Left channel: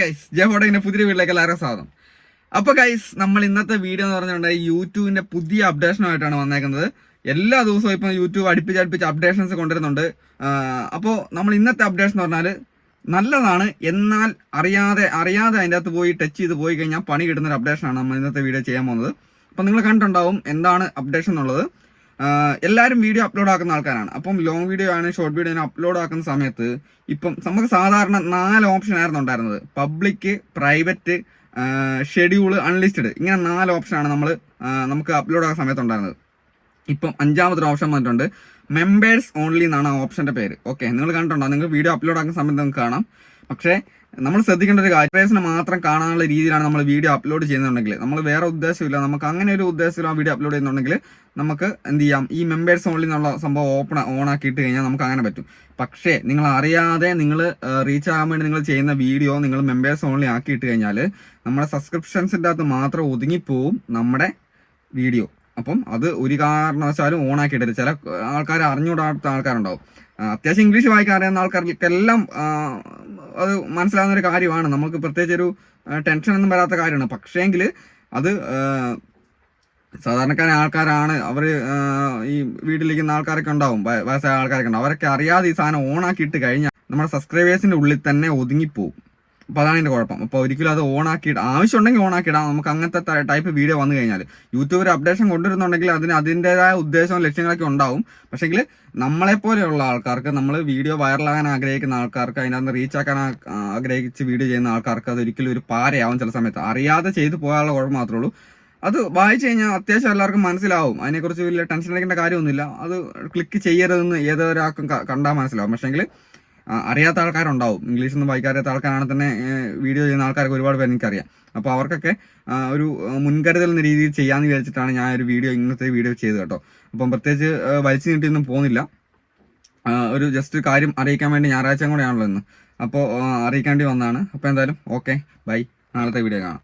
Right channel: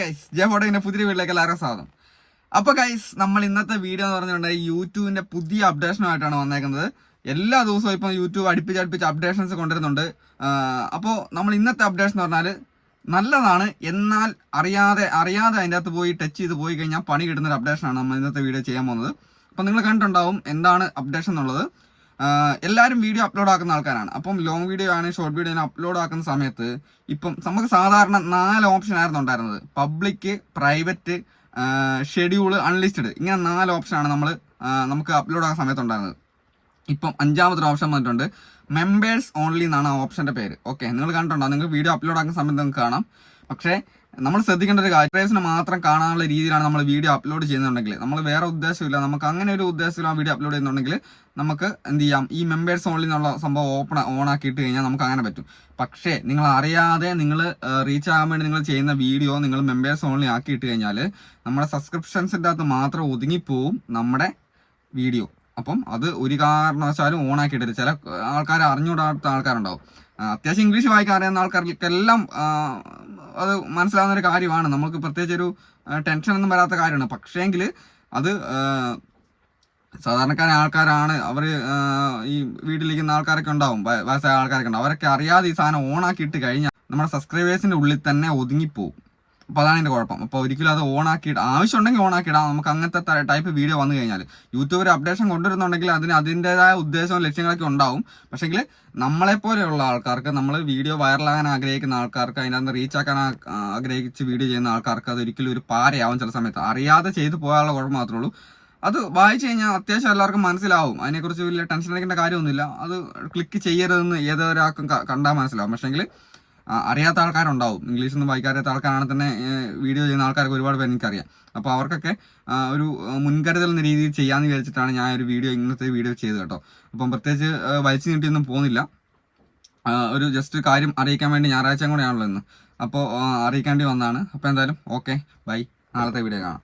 Guys J ഫോട്ടോന്റെ പുതിയ വീട്ടിലേക്ക് എല്ലാവർക്കും സ്വാഗതം. അപ്പൊ ഗൈസ് നമ്മൾ ഇന്നത്തെ വീഡിയോ എന്ന് പറഞ്ഞിട്ടുണ്ടെങ്കിൽ യൂട്യൂബിന്റെ പുതിയ അപ്ഡേഷനുമായിട്ടാണ് വന്നേക്കുന്നത്. എല്ലാ ദിവസവും ഇപ്പം യൂട്യൂബ് അടുപ്പിച്ച് അടുപ്പിച്ച് അപ്ഡേഷൻസ് കൊണ്ടുവരുന്നുണ്ട്. അപ്പോൾ നമ്മൾ ഇന്നത്തെ അപ്ഡേഷൻ എന്ന് പറഞ്ഞാൽ നല്ലതാണ്. എന്നാൽ അറിയാതെ അറിയാതെ അതിന്റെ അകത്ത് പോയി ടച്ച് ചെയ്ത് പോയി കഴിഞ്ഞാൽ പണി കിട്ടുന്ന ഒരു അപ്ഡേഷനാണ് നമ്മൾ ഇന്നത്തെ വീഡിയോ ചെയ്യാൻ പോകുന്നത്. അപ്പം നിങ്ങൾ കണ്ടിട്ടുണ്ടാവും എന്താണ് അപ്ഡേഷൻ എന്നുള്ളത്. എല്ലാവരും വീഡിയോ അപ്ലോഡ് ആക്കുന്ന ആൾക്കാരാണ്. അപ്പം ലോങ് വീഡിയോ ആണ് ഷോർട്ട് വീഡിയോ ആണ് അപ്ലോഡ് ആക്കുന്ന സമയത്ത് ഇപ്പം നമുക്ക് സാധാരണ നാല് ഓപ്ഷൻ ആയിരുന്നു ഉണ്ടായിരുന്നത്. പബ്ലിക് പ്രൈവറ്റ് ഷെഡ്യൂൾ അൺലിസ്റ്റഡ് ഇങ്ങനെ നാല് ഓപ്ഷനാണ് നമ്മൾ നമുക്ക് അപ്ലോഡ് ആക്കുന്ന സമയത്ത് ഉണ്ടായിരുന്നത്. ഇപ്പം അഞ്ചാമത്തെ ഓപ്ഷൻ വന്നിട്ടുണ്ട്. മെമ്പേഴ്സ് ഓൺലി എന്നാണ് ആ ഓപ്ഷന്റെ പേര്. ഓക്കെ നിങ്ങൾ കണ്ടിട്ടുണ്ടോ? നിങ്ങൾ വീഡിയോ അപ്ലോഡ് ആക്കുന്ന സമയത്ത് നിങ്ങൾക്ക് കാണാം. പക്ഷേ നമ്മൾ ശ്രദ്ധിക്കേണ്ട ഒരു കാര്യം മാത്രം കാണാനുള്ള രീതിയിലാണ് നമ്മൾ വീഡിയോ അപ്ലോഡ് ചെയ്യുന്നുണ്ടെങ്കിൽ നമ്മൾ വേറെ ഉദ്ദേശമില്ല നമുക്ക് അങ്ങനെ ഒരു ഉദ്ദേശത്തിൽ ആ വീഡിയോ അപ്ലോഡ് ചെയ്യുന്നുണ്ടെങ്കിൽ നമുക്ക് എന്ത് ചെയ്യാം? ഈ മെമ്പേഴ്സ് ഓൺലി എന്നുള്ള സംഭവം ഓപ്പൺ ഓൺ ആക്കിയിട്ട് കഴിഞ്ഞാൽ നമുക്ക് അങ്ങനെ പറ്റും. പക്ഷേ നിങ്ങൾ അറിയാതെ നിങ്ങൾ റീച്ച് ആകാൻ വേണ്ടി നിങ്ങൾ ചെയ്യുന്ന വീഡിയോ നിങ്ങൾ മെമ്പേഴ്സ് ഓൺലി ആക്കിയിട്ട് കഴിഞ്ഞാൽ നമ്മുടെ സബ്സ്ക്രിപ്ഷൻസിന്റെ അകത്ത് മാത്രം ഒതുങ്ങിപ്പോവും നമ്മുടെ വീഡിയോ അപ്പം അത് ഒരു കാരണവശാലും ഓൺ ആക്കിയിട്ടില്ല ചില ആൾക്കാർ അറിഞ്ഞുകൂടാത്ത ആൾക്കാരുണ്ടാവും. അത്യാവശ്യം ഇംഗ്ലീഷ് വായിക്കാൻ അറിയുന്ന ആൾക്കാർക്കെല്ലാം അത് മനസ്സിലാവുന്ന ഒരു കാര്യമാണ്. നമുക്ക് പ്രത്യേകിച്ച് ഒരു ടെൻഷൻ ഒന്നും വരാത്ത കാര്യമാണ്. പക്ഷേങ്കിൽ അത് സാധാരണക്കാരായ ആൾക്കാരാണ്. അവർ ഈ വീട്ടിലിരിക്കുന്ന ആൾക്കാരൊക്കെ ഉണ്ടാവും. വയ- വയസ്സായ ആൾക്കാരൊക്കെ ഉണ്ടാവും. അവരൊക്കെ അറിയാതെ ഈ സാധനം ഓൺ ആക്കിയിട്ട് കഴിഞ്ഞാൽ നമ്മുടെ സബ്സ്ക്രൈബേഴ്സിന്റെ ഉള്ളിൽ തന്നെ ഒതുങ്ങിപ്പോവും. അപ്പോൾ അതാണ് എന്റെ കുഴപ്പം. അപ്പോൾ ഒരിക്കലും അത് ആവശ്യം ആവശ്യമുണ്ടെങ്കിൽ ഓൺ ആക്കിയിടാം നമുക്ക് അങ്ങനത്തെ ടൈപ്പ് വീഡിയോ വന്നു കഴിഞ്ഞാൽ യൂട്യൂബ് ഒരു അപ്ഡേഷൻ കൊണ്ടുവരുന്നുണ്ടെങ്കിൽ അതിന് അതിന്റെതായ ഉദ്ദേശവും ലക്ഷ്യങ്ങളൊക്കെ ഉണ്ടാവും. പക്ഷേങ്കിൽ നമ്മളെ പോലെയുള്ള ആൾക്കാർക്ക് നമ്മൾ വീഡിയോ വൈറലാകാൻ ആഗ്രഹിക്കുന്ന ആൾക്കാർക്ക് അതിനകത്ത് റീച്ച് ആക്കാൻ ആഗ്രഹിച്ച് വീഡിയോ ചെയ്യുന്ന ആൾക്കാർക്ക് അത് ഒരിക്കലും ഒരു പാരയാവും ചില സമയത്ത്. അറിയാതെ ചെയ്തു പോകാനുള്ള കുഴപ്പം മാത്രമേ ഉള്ളൂ. അത് വായിച്ചു കഴിഞ്ഞാൽ അത്യാവശ്യം എല്ലാവർക്കും മനസ്സിലാവും. അതിനെക്കുറിച്ച് വലിയ ടെൻഷൻ അടിക്കേണ്ട കാര്യമൊന്നുമില്ല. അത് ക്ലിക്ക് ചെയ്യരുതെന്ന് ഏതൊരാൾക്കും കണ്ടാൽ മനസ്സിലാവും. പക്ഷേങ്കിൽ അറിയാത്ത ആൾക്കാരുണ്ടാവും. ഇംഗ്ലീഷ് ഒന്നും വായിക്കാറിയാത്ത ആൾക്കാരാണെങ്കിൽ തന്നെ വീഡിയോ ചെയ്യുന്ന ആൾക്കാർക്ക് ഒരുപാട് പേര് എനിക്കറിയാം. അപ്പോൾ അവർക്കൊക്കെ ഒരു മുൻകരുതൽ എന്ന രീതിയിൽ ചെയ്യാമെന്ന് വിചാരിച്ചിട്ടാണ് ഞാൻ ഒരു വീഡിയോ ഇങ്ങനത്തെ വീഡിയോ ചെയ്തത് കേട്ടോ. അപ്പം പ്രത്യേകിച്ച് വലിച്ചു നീട്ടിയൊന്നും പോകുന്നില്ല ഒരു ജസ്റ്റ് കാര്യം അറിയിക്കാൻ വേണ്ടി ഞായറാഴ്ച കൂടെയാണല്ലോ ഇന്ന്. അപ്പോൾ അറിയിക്കേണ്ടി വന്നതാണ്. അപ്പോൾ എന്തായാലും ഓക്കെ ബൈ നാളത്തെ വീഡിയോ കാണാം.